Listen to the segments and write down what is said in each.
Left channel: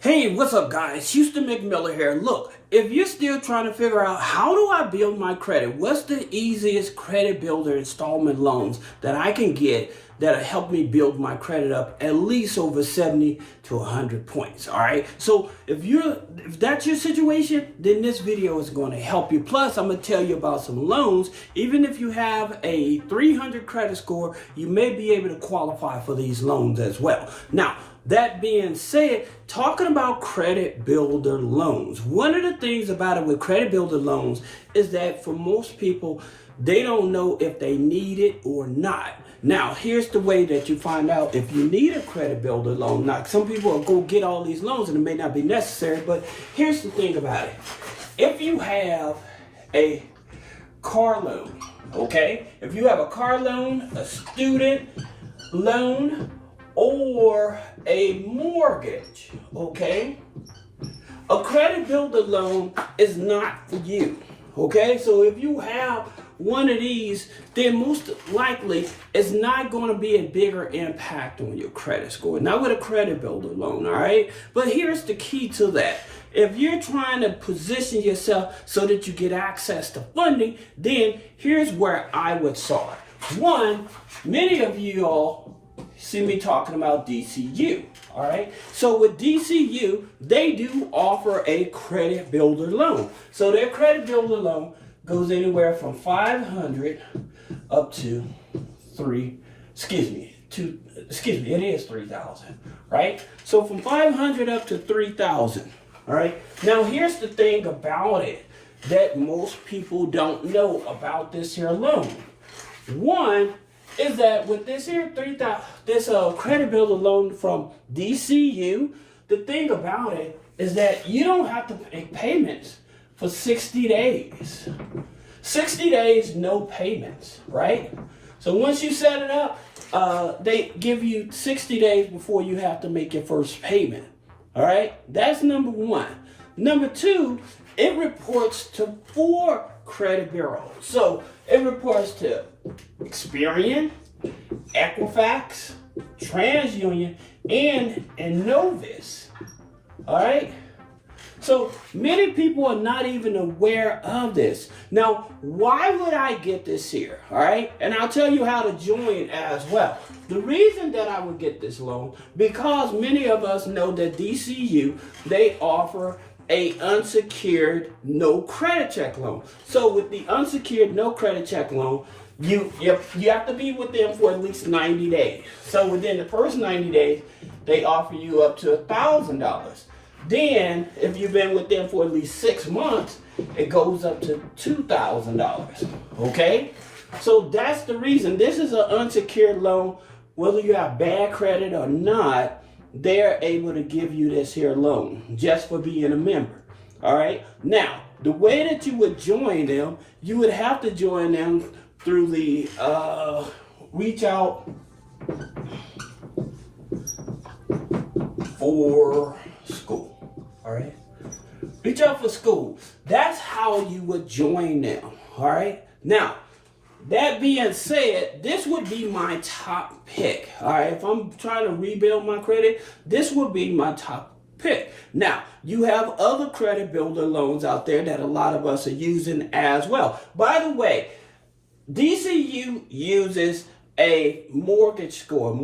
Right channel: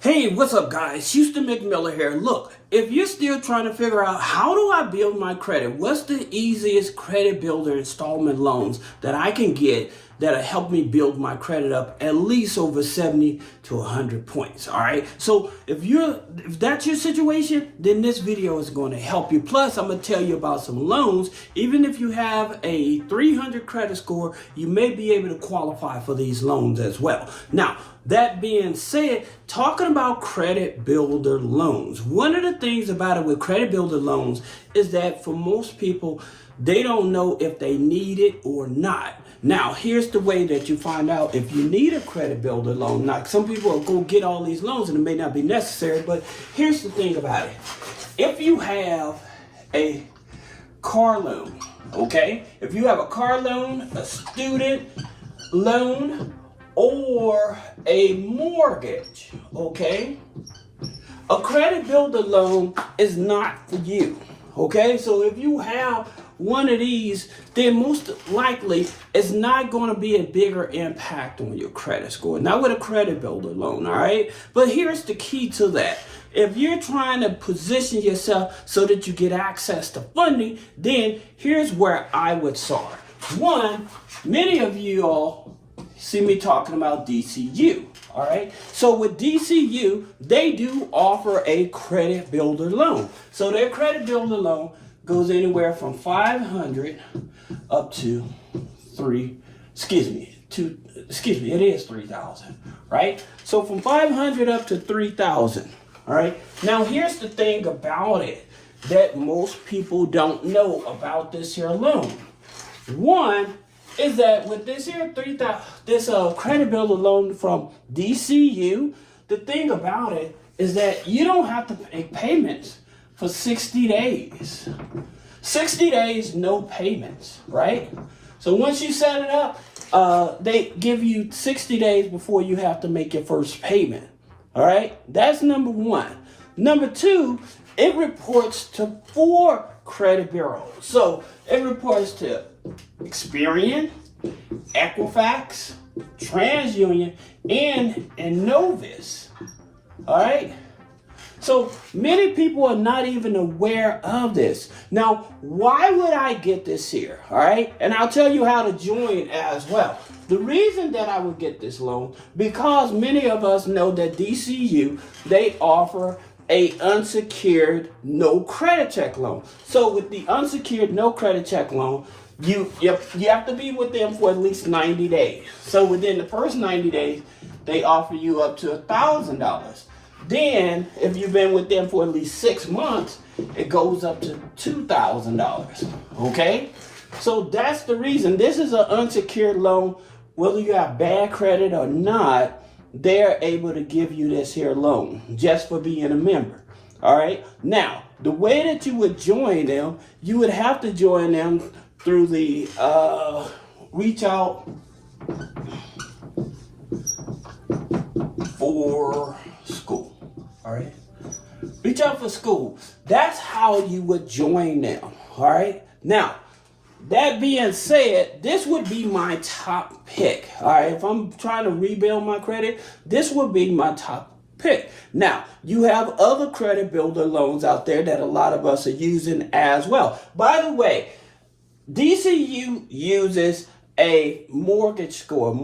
Hey, what's up, guys? Houston McMiller here. Look, if you're still trying to figure out how do I build my credit, what's the easiest credit builder installment loans that I can get that'll help me build my credit up at least over 70 to 100 points, all right? So if that's your situation, then this video is going to help you. Plus, I'm going to tell you about some loans. Even if you have a 300 credit score, you may be able to qualify for these loans as well. Now, that being said, talking about credit builder loans, one of the things about it with credit builder loans is that for most people, they don't know if they need it or not. Now, here's the way that you find out if you need a credit builder loan. Now, some people will go get all these loans and it may not be necessary, but here's the thing about it. If you have a car loan, okay? If you have a car loan, a student loan, or a mortgage, okay? A credit builder loan is not for you, okay? So if you have one of these, then most likely it's not going to be a bigger impact on your credit score. Not with a credit builder loan, all right? But here's the key to that. If you're trying to position yourself so that you get access to funding, then here's where I would start. One, many of you all see me talking about DCU, all right? So with DCU, they do offer a credit builder loan. So their credit builder loan goes anywhere from 500 up to it is 3,000, right? So from 500 up to 3,000, all right? Now here's the thing about it that most people don't know about this here loan. One, is that with this here credit builder loan from DCU, the thing about it is that you don't have to make payments for 60 days. 60 days, no payments, right? So once you set it up, they give you 60 days before you have to make your first payment, all right? That's number one. Number two, it reports to 4 credit bureaus. So it reports to Experian, Equifax, TransUnion, and Innovis. All right? So many people are not even aware of this. Now, why would I get this here? All right? And I'll tell you how to join as well. The reason that I would get this loan, because many of us know that DCU, they offer a unsecured no credit check loan. So with the unsecured no credit check loan, you have to be with them for at least 90 days. So within the first 90 days, they offer you up to $1,000. Then, if you've been with them for at least 6 months, it goes up to $2,000. Okay? So that's the reason. This is an unsecured loan. Whether you have bad credit or not, they're able to give you this here loan just for being a member. All right? Now, the way that you would join them, you would have to join them through the reach out for school. All right? Reach out for school. That's how you would join them. All right? Now, that being said, this would be my top pick. All right? If I'm trying to rebuild my credit, this would be my top pick. Now, you have other credit builder loans out there that a lot of us are using as well. By the way, DCU uses a mortgage score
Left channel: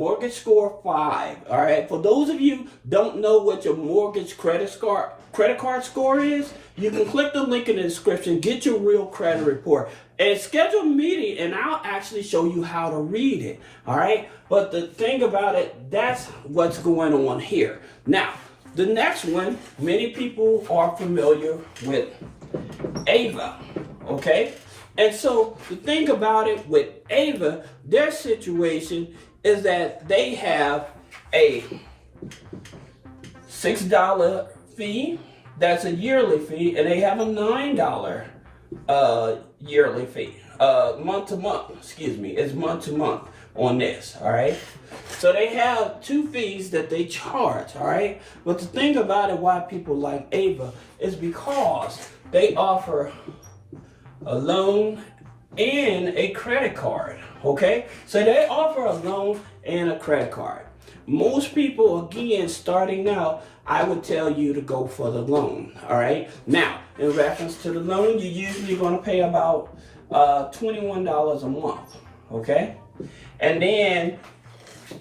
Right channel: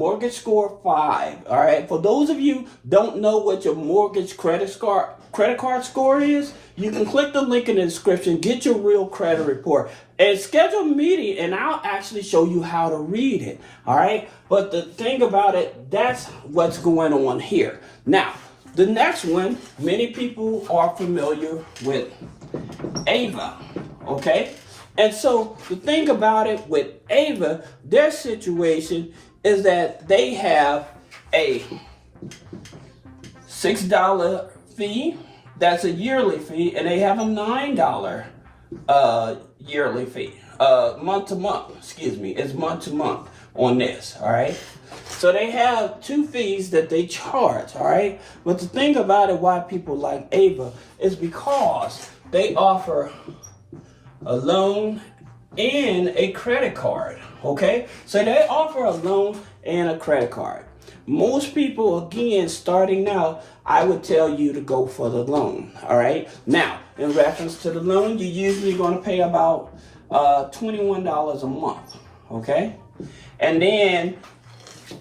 5, all right? For those of you don't know what your mortgage credit card score is, you can click the link in the description, get your real credit report, and schedule a meeting, and I'll actually show you how to read it, all right? But the thing about it, that's what's going on here. Now, the next one, many people are familiar with AVA, okay? And so the thing about it with AVA, their situation is that they have a $6 fee, that's a yearly fee, and they have a $9 yearly fee. Month to month, it's month to month on this, all right? So they have 2 fees that they charge, all right? But the thing about it, why people like AVA, is because they offer a loan and a credit card, okay? So they offer a loan and a credit card. Most people, again, starting out, I would tell you to go for the loan. All right. Now, in reference to the loan, you're usually going to pay about $21 a month. Okay. And then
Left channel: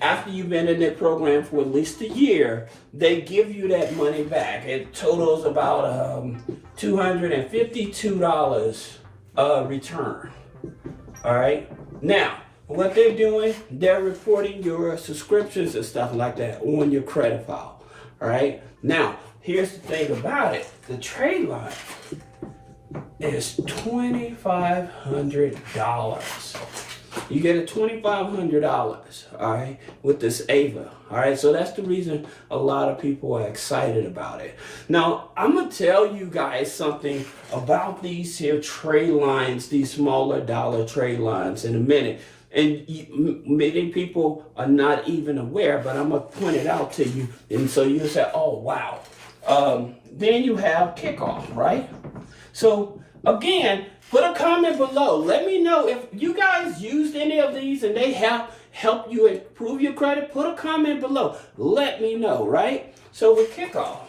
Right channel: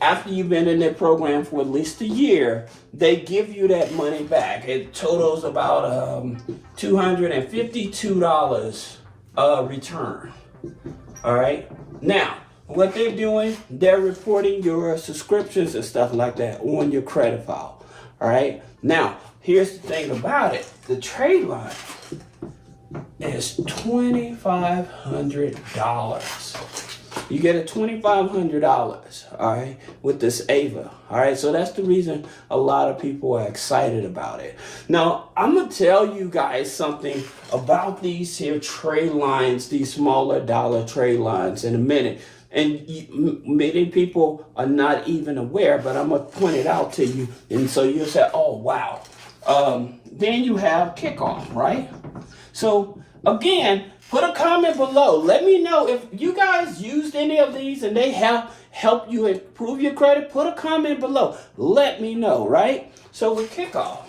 after you've been in their program for at least a year, they give you that money back. It totals about $252 return. All right. Now, what they're doing, they're reporting your subscriptions and stuff like that on your credit file. All right. Now, here's the thing about it. The trade line is $2,500. You get a $2,500, all right, with this Ava, all right? So that's the reason a lot of people are excited about it. Now, I'm going to tell you guys something about these here trade lines, these smaller dollar trade lines in a minute. And many people are not even aware, but I'm going to point it out to you. And so you'll say, oh, wow. Then you have kickoff, right? So, again, put a comment below. Let me know if you guys used any of these and they have helped you improve your credit. Put a comment below. Let me know, right? So with kickoff,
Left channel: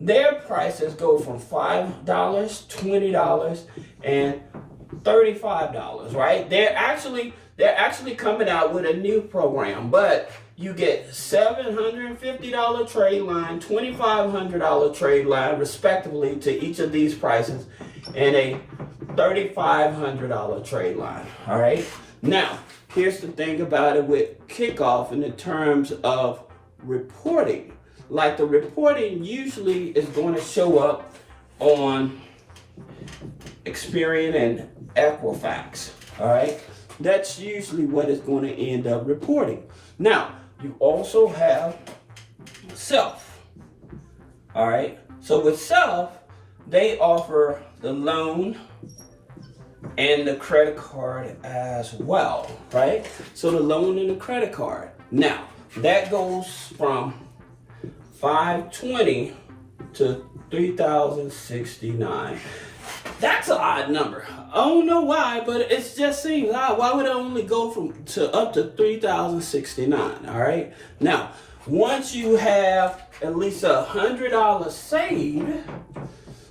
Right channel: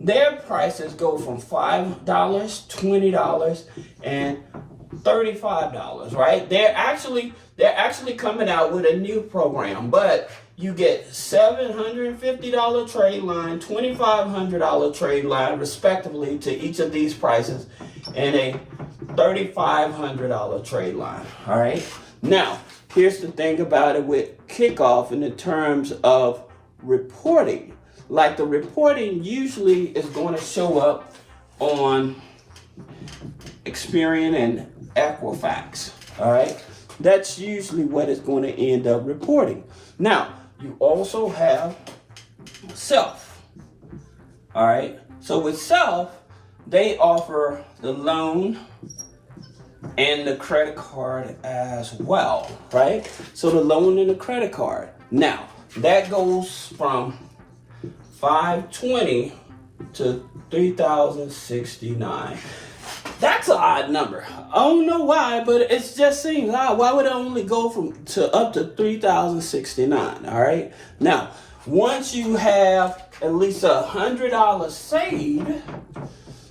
their prices go from $5, $20, and $35, right? They're actually coming out with a new program, but you get $750 trade line, $2,500 trade line, respectively, to each of these prices, and a $3,500 trade line. All right. Now, here's the thing about it with kickoff in the terms of reporting. Like the reporting usually is going to show up on Experian and Equifax. All right. That's usually what it's going to end up reporting. Now, you also have Self. All right. So with Self, they offer the loan and the credit card as well, right? So the loan and the credit card. Now, that goes from $520 to $3,069. That's an odd number. I don't know why, but it just seems odd. Why would it only go up to $3,069? All right. Now, once you have at least $100 saved,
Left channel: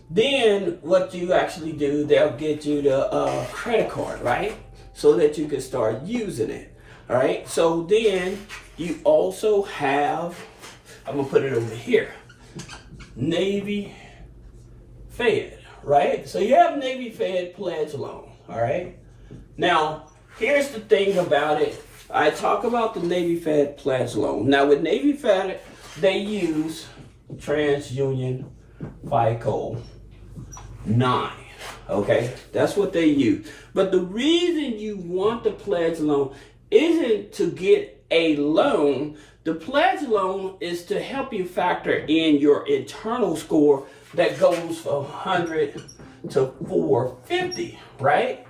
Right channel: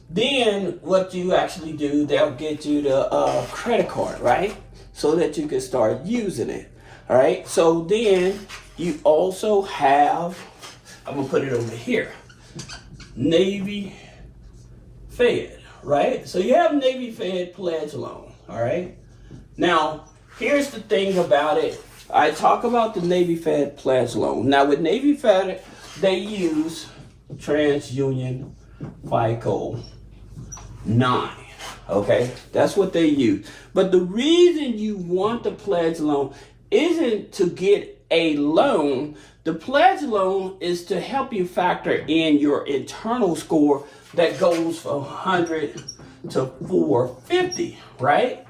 then what you actually do, they'll get you the credit card, right? So that you can start using it. All right. So then you also have, I'm gonna put it over here, Navy Fed. Right? So you have Navy Fed pledge loan, all right? Now, here's the thing about it. I talk about the Navy Fed pledge loan. Now, with Navy Fed, they use TransUnion FICO 9, okay? That's what they use. But the reason you want the pledge loan isn't to get a loan. The pledge loan is to help you factor in your internal score that goes from 100 to 450, right?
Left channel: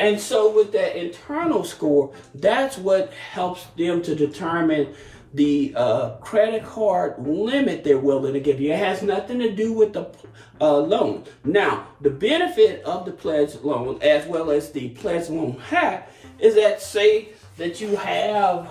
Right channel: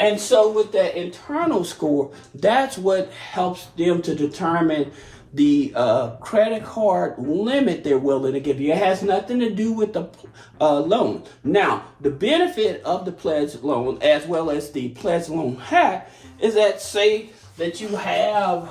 And so with that internal score, that's what helps them to determine the credit card limit they're willing to give you. It has nothing to do with the loan. Now, the benefit of the pledge loan, as well as the pledge loan hack, is that say that you have,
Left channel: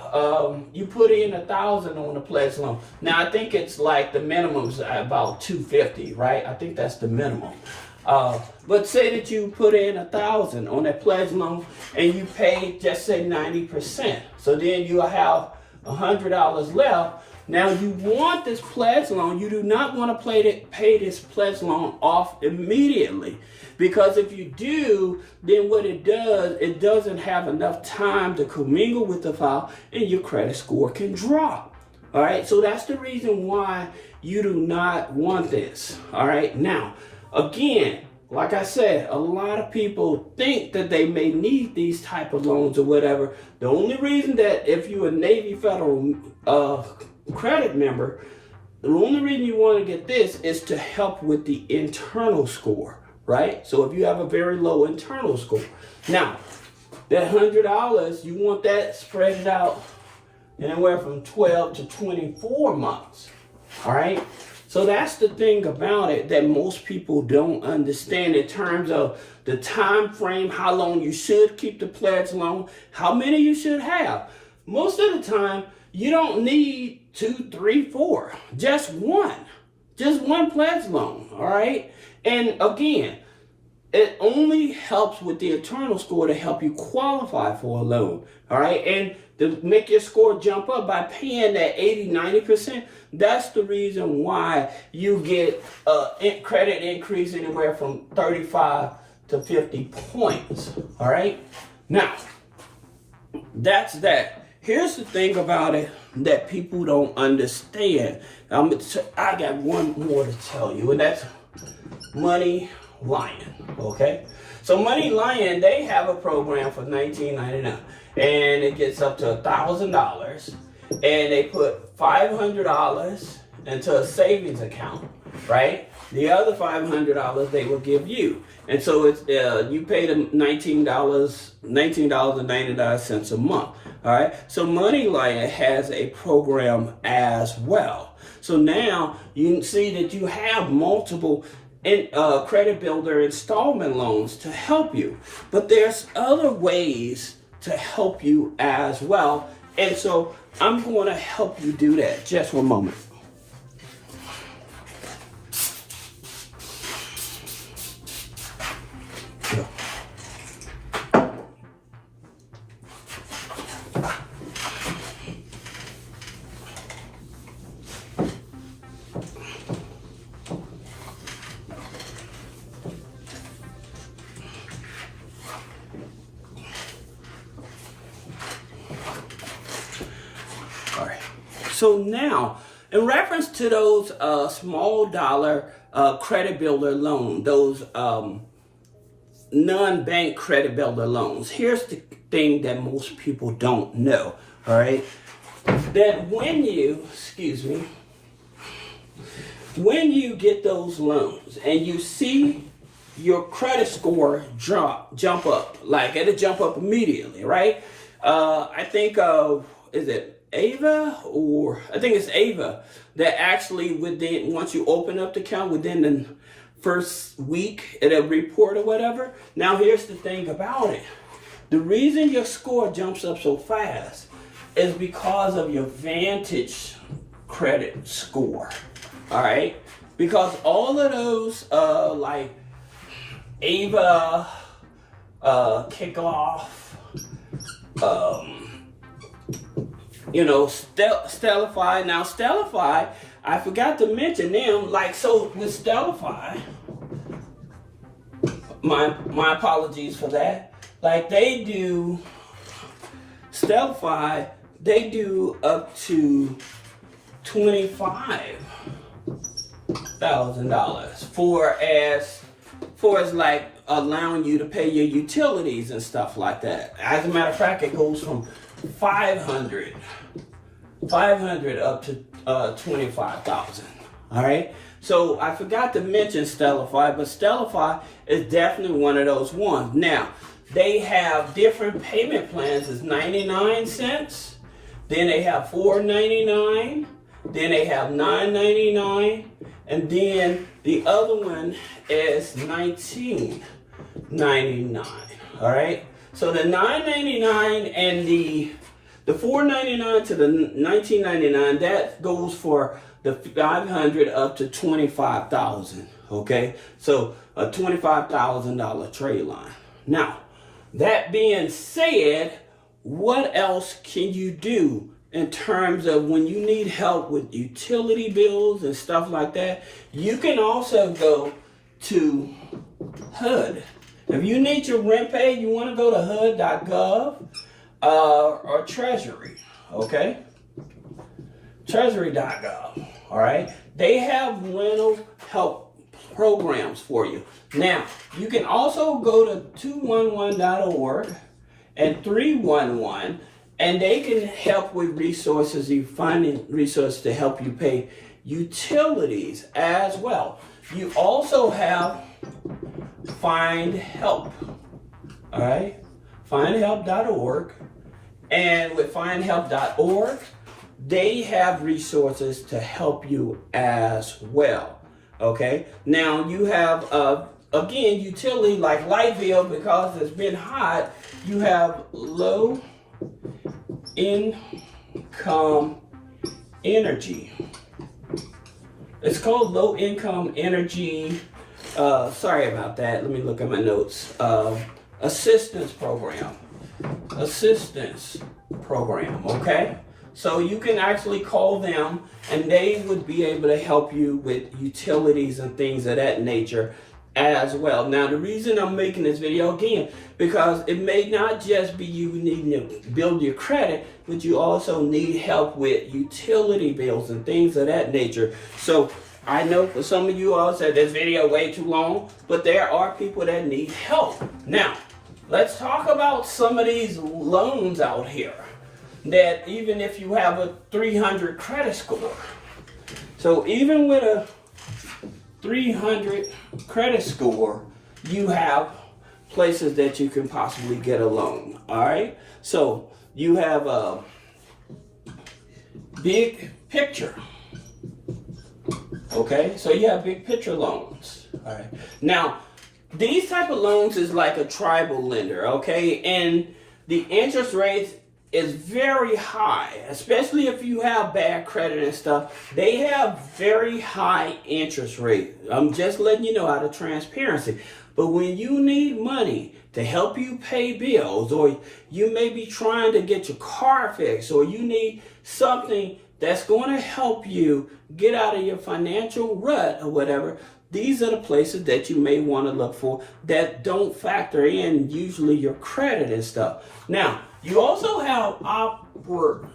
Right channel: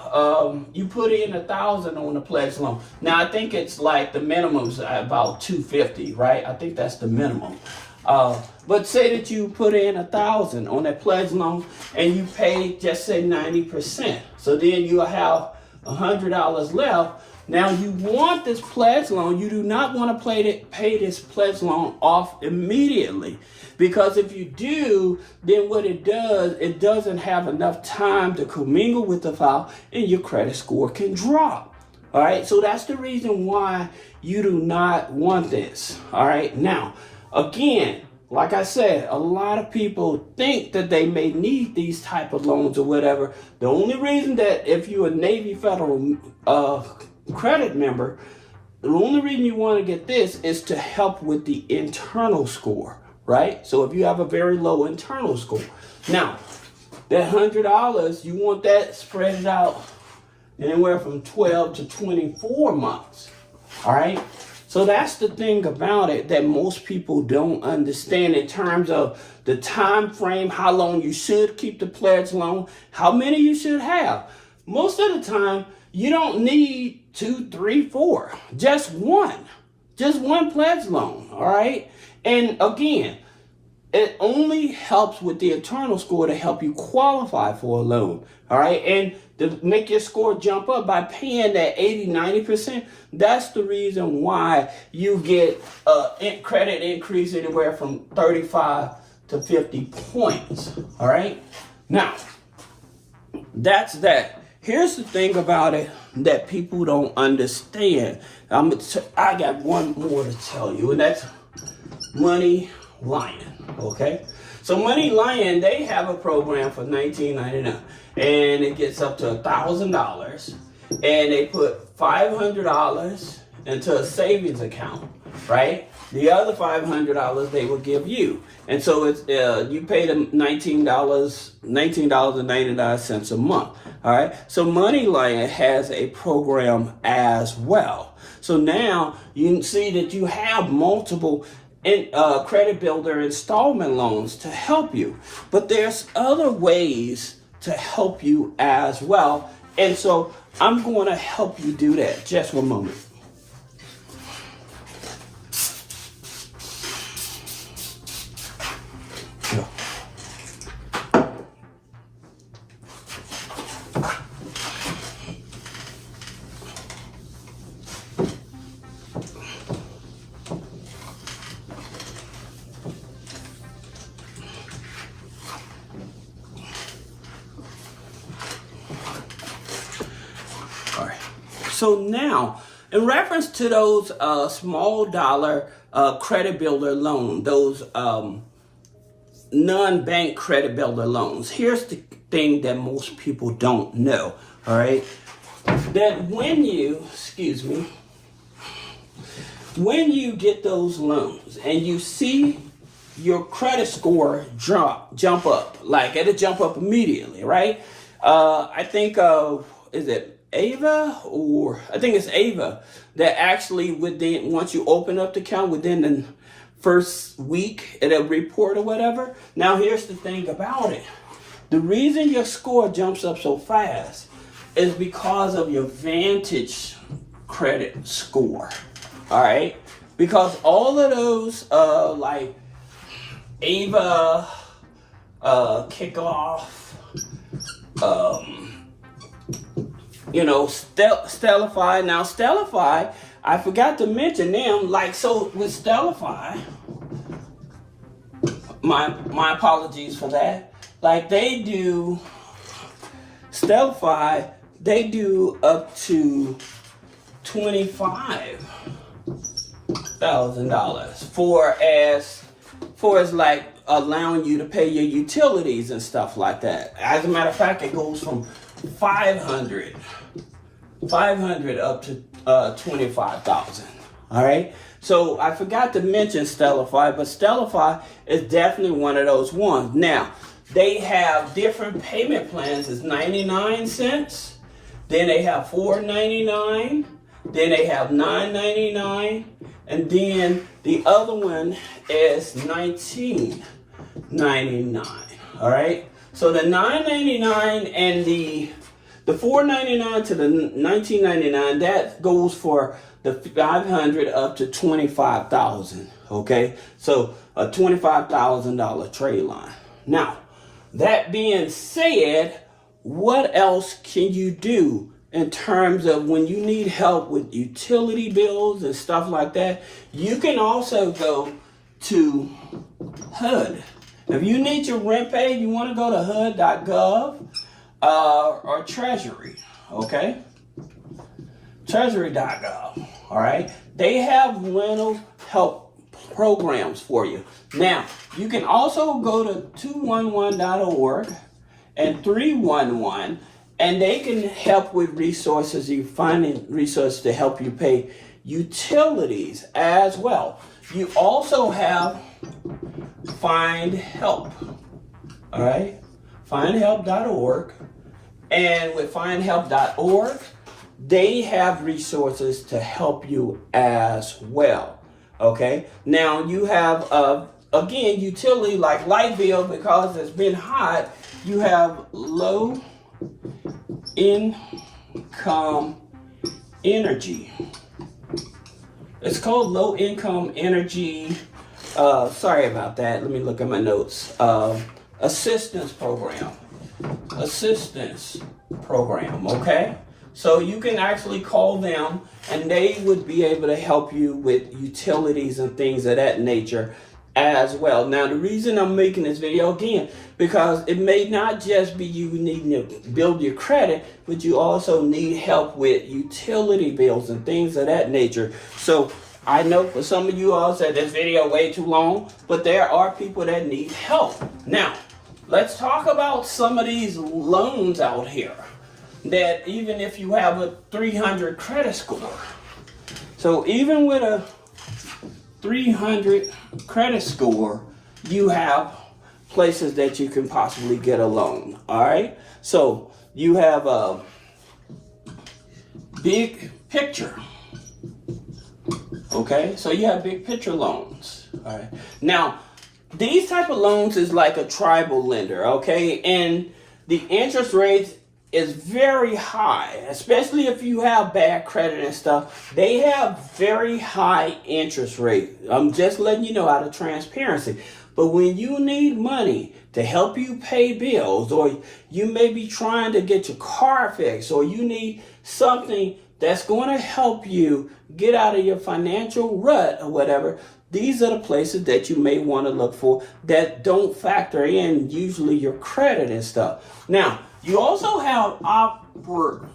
you put in $1,000 on the pledge loan. Now, I think it's like the minimum's about $250, right? I think that's the minimum. But say that you put in $1,000 on that pledge loan and you pay, just say 90%. So then you have $100 left. Now you want this pledge loan. You do not want to pay this pledge loan off immediately. Because if you do, then what it does, it doesn't have enough time to commingle with the file and your credit score can drop. All right, so that's the reason why you do not want this. All right, now, again, like I said, a lot of people think that they may need these type of loans or whatever. The only reason that if you're a Navy Federal credit member, the only reason you want to get this is to help with the internal score. Right? So if you have a very low internal score. Now, that $100, you want that spread out anywhere from 12 to 24 months. All right? So that's the thing about it that most people don't understand in terms of the time frame, how long you should keep the pledge loan, how many you should have. Most of the time, you don't need 2, 3, 4. Just one pledge loan. All right. And again, it only helps with the internal score to help you qualify for a loan. All right. And to make your score jump up by paying that 80, 90%, that's the reason why you get a credit increase anywhere from 35 to 50 points. All right. Now, that's that. Here's the thing about it that people don't understand. I got one more to tell you, and that's Money Lion. Okay. So Money Lion, they have a program for $19.99. And it gets up to $1,000, and they put $500 into a savings account, right? The other $500 they will give you, and so it's you pay them $19.99 a month. All right. So MoneyLion has a program as well. So now you see that you have multiple credit builder installment loans to help you, but there's other ways to help you as well. And so I'm going to help you do that. Just one moment. All right. So now, in reference to those small dollar credit builder loan, those non-bank credit builder loans, here's the thing that most people don't know. All right. That when you get those loans and you see your credit score jump up, like it'll jump up immediately, right? I think of, is it Ava, or I think it's Ava, that actually once you open up the account within the first week, it'll report or whatever. Now here's the thing about it. The reason your score jumps up so fast is because of your Vantage credit score. All right? Because all of those like Ava, Kickoff, Stellify. Now, Stellify, I forgot to mention them. Like, so with Stellify, my apologies for that. Like, Stellify, they do up to $25,000 for as like allowing you to pay your utilities and stuff like that. As a matter of fact, it goes from 500 up to 25,000. All right. So I forgot to mention Stellify, but Stellify is definitely one of those ones. Now they have different payment plans. It's 99 cents. Then they have $4.99. Then they have $9.99, and then the other one is $19.99. All right. So the $9.99 and the $4.99 to the $19.99, that goes for the 500 up to 25,000. Okay. So a $25,000 trade line. Now, that being said, what else can you do in terms of when you need help with utility bills and stuff like that? You can also go to HUD. If you need your rent paid, you want to go to HUD.gov or Treasury, okay? Treasury.gov, all right? They have rental help programs for you. Now, you can also go to 211.org and 311, and they can help with resources. You finding resources to help you pay utilities as well. You also have Find Help, all right? Findhelp.org, and with findhelp.org, they have resources to help you as well, okay? Now you have, again, utility like light bill, because it's been hot, you have low income income energy. It's called low income energy. Sorry about that. Let me look at my notes. Assistance program. Assistance program, okay? So you can actually call them and they would be able to help you with utilities and things of that nature as well. Now, the reason I'm making this video again, because it may not just be you needing to build your credit, but you also need help with utility bills and things of that nature. So I know for some of you all said this video way too long, but there are people that need help. Now, let's talk about some of these loans out here that even if you have a 300 credit score. So even with a 300 credit score, you have places that you can possibly get a loan, all right? So you have a big picture, okay? So you have big picture loans, all right? Now, these type of loans is like a tribal lender, okay? And the interest rates is very high, especially if you have bad credit and stuff. They have very high interest rate. I'm just letting you know out of transparency. But when you need money to help you pay bills, or you may be trying to get your car fixed, or you need something that's going to help you get out of your financial rut or whatever, these are the places that you may want to look for that don't factor in usually your credit and stuff. Now, you also have Opportune.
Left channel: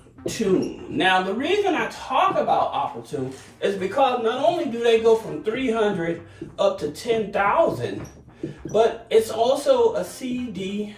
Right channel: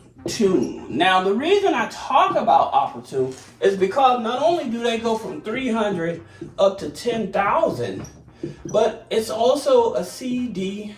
Now, the reason I talk about Opportune is because not only do they go from 300 up to 10,000, but it's also a CDFI.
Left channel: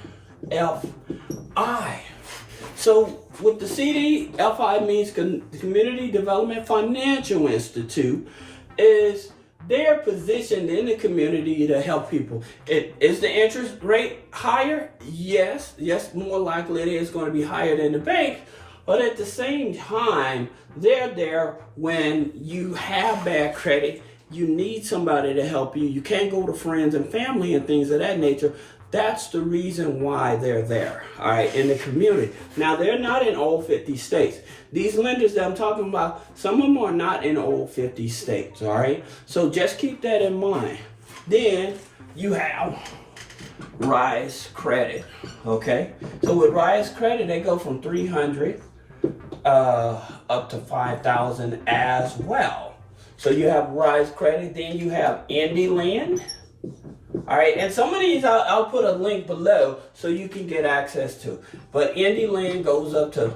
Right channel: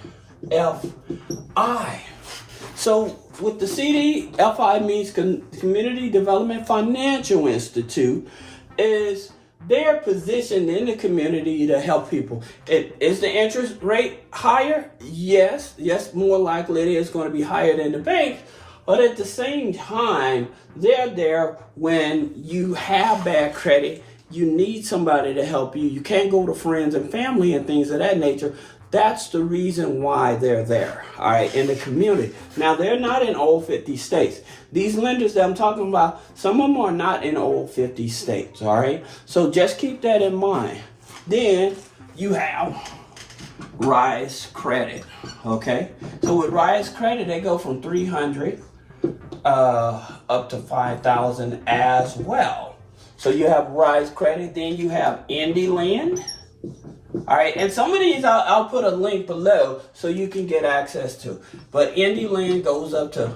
So with the CDFI means Community Development Financial Institute, is they're positioned in the community to help people. Is the interest rate higher? Yes, more likely it is going to be higher than the bank. But at the same time, they're there when you have bad credit. You need somebody to help you. You can't go to friends and family and things of that nature. That's the reason why they're there, all right, in the community. Now, they're not in all 50 states. These lenders that I'm talking about, some of them are not in all 50 states, all right? So just keep that in mind. Then you have Rise Credit, okay? So with Rise Credit, they go from 300 up to 5,000 as well. So you have Rise Credit, then you have IndyLand. All right, and some of these I'll put a link below so you can get access to. But IndyLand goes up to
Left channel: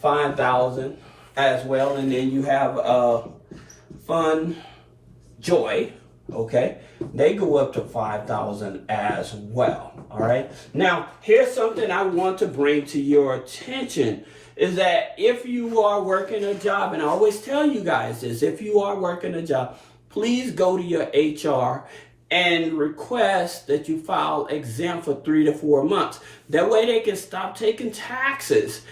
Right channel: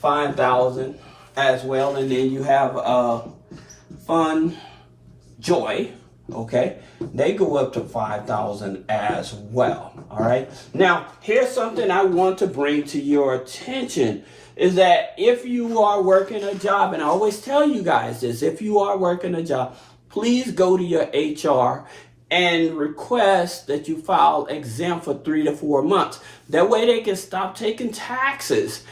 5,000 as well, and then you have Fun Joy, okay? They go up to 5,000 as well. All right. Now, here's something I want to bring to your attention. Is that if you are working a job, and I always tell you guys this, if you are working a job, please go to your HR and request that you file exempt for 3 to 4 months. That way they can stop taking taxes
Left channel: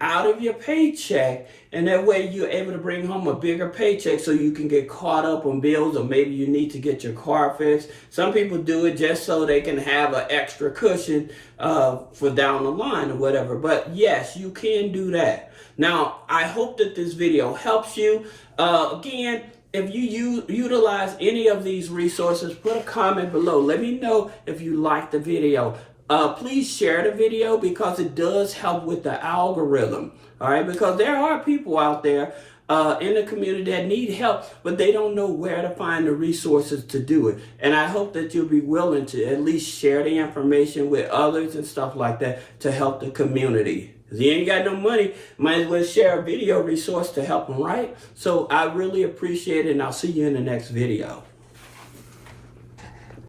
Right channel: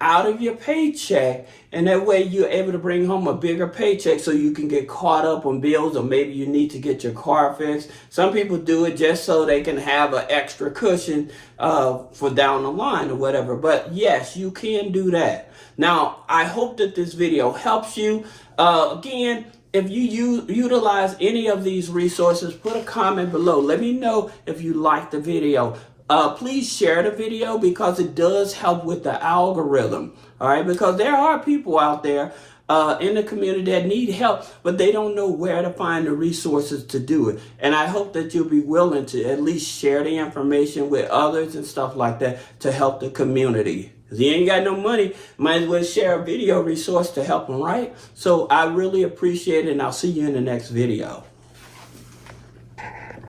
out of your paycheck, and that way you're able to bring home a bigger paycheck so you can get caught up on bills, or maybe you need to get your car fixed. Some people do it just so they can have an extra cushion for down the line or whatever. But yes, you can do that. Now, I hope that this video helps you. Again, if you utilize any of these resources, put a comment below. Let me know if you liked the video. Please share the video because it does help with the algorithm. All right, because there are people out there in the community that need help, but they don't know where to find the resources to do it. And I hope that you'll be willing to at least share the information with others and stuff like that to help the community. If you ain't got no money, might as well share a video resource to help them, right? So I really appreciate it, and I'll see you in the next video.